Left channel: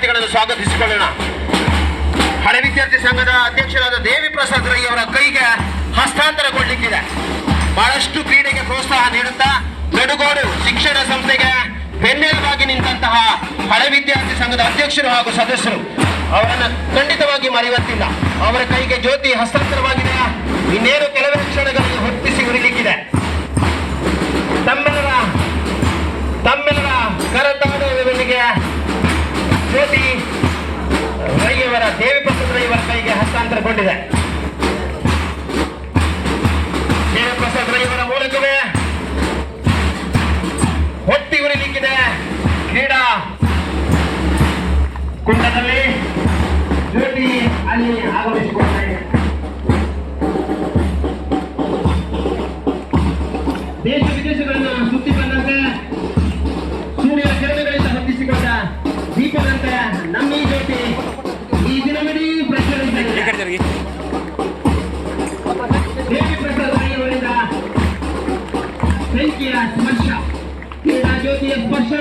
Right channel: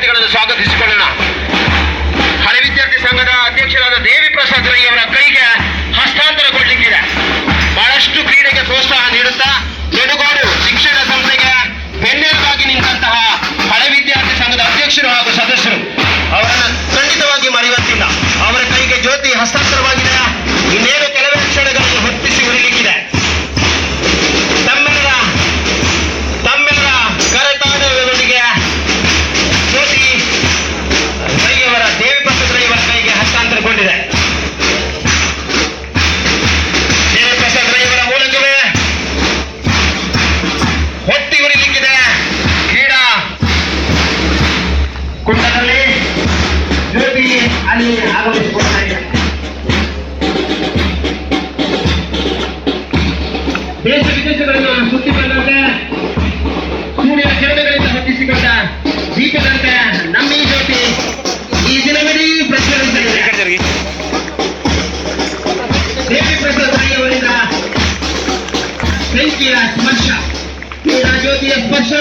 ವಿದ್ಯಾರ್ಥಿಗಳನ್ನು ಸ್ವಾಗತಿಸಿಕೊಳ್ಳೋಣ. ಹಳೆ ವಿದ್ಯಾರ್ಥಿ ಸಂಘದ ಅಧ್ಯಕ್ಷರಾದ ದೇವಿ ಪ್ರಸಾದ್ ರೈ ಅವರ ಕೈಗೆ ಹಸ್ತಾಂತರಗೊಳ್ಳಲಿಕ್ಕಿದೆ. ಬಹಳಷ್ಟು ಕ್ರೀಡೆಗೆ ಪ್ರೋತ್ಸಾಹ ನೀಡುತ್ತಾ ಗಡುಗೋಡು ಶಿಕ್ಷಣ ಸಂಸ್ಥೆಗೆ ಬೆನ್ನೆಲುಬಾಗಿ ನಿಂತಹ ಹಳೆ ವಿದ್ಯಾರ್ಥಿ ಸಂಘದ ಅಧ್ಯಕ್ಷರು ಹಾಗೂ ಸದಸ್ಯರು ಅವರನ್ನು ಖಂಡಿತವಾಗಿ ಮರೆಯುವಂತಿಲ್ಲ. ಅವರ ಕೈಗೆ ಜ್ಯೋತಿ ಹಸ್ತಾಂತರವಾಗಿದೆ. ಇನ್ನೇನು ಕೆಲವೇ ಕ್ಷಣಗಳಲ್ಲಿ ಹೊತ್ತಿಸಿ ಉಳಿಲಿಕ್ಕಿದೆ. ತಮ್ಮೆಲ್ಲರ ಕರತಾಡದೊಂದಿಗೆ ಜ್ಯೋತಿ ರೈಯವರ ದೇವಿ ಪ್ರಸಾದ್ ರೈ ಅವರ ಕೈಗೆ ಹಸ್ತಾಂತರಗೊಂಡಿದೆ. ದೇವಿ ಪ್ರಸಾದ್ ರೈ ಅವರ ಮೂಲಕವೇ ಹೊತ್ತಿ ಉರಿಲಿಕ್ಕಿದೆ. ಕ್ರೀಡಾ ಕುಂಡದಲ್ಲಿ ಜ್ಯೋತಿ ಅಲ್ಲಿ ಆಗಮಿಸಿಕೊಳ್ತಾ ಇದೆ. ದೇಶ ವಿದೇಶಗಳನ್ನು ಸುತ್ತಿಕೊಂಡಂತೆ ಸೂರ್ಯ ಕಿರಣಗಳಿಂದ ಹೊತ್ತಿಸಿಕೊಂಡ ದೀಪದಂತೆ ನಮ್ಮ ಈ ಜ್ಯೋತಿ ಈ ದಿನವಿಡೀ ಪ್ರಜ್ವಲಿಸುತ್ತದೆ. ದೇವಿ ಪ್ರಸಾದ್ ರೈ ಅವರಿಂದ ಬೆಂಕಿಯ ಸ್ಪರ್ಶ, ಕ್ರೀಡಾ ಜ್ಯೋತಿಯ ಸ್ಪರ್ಶ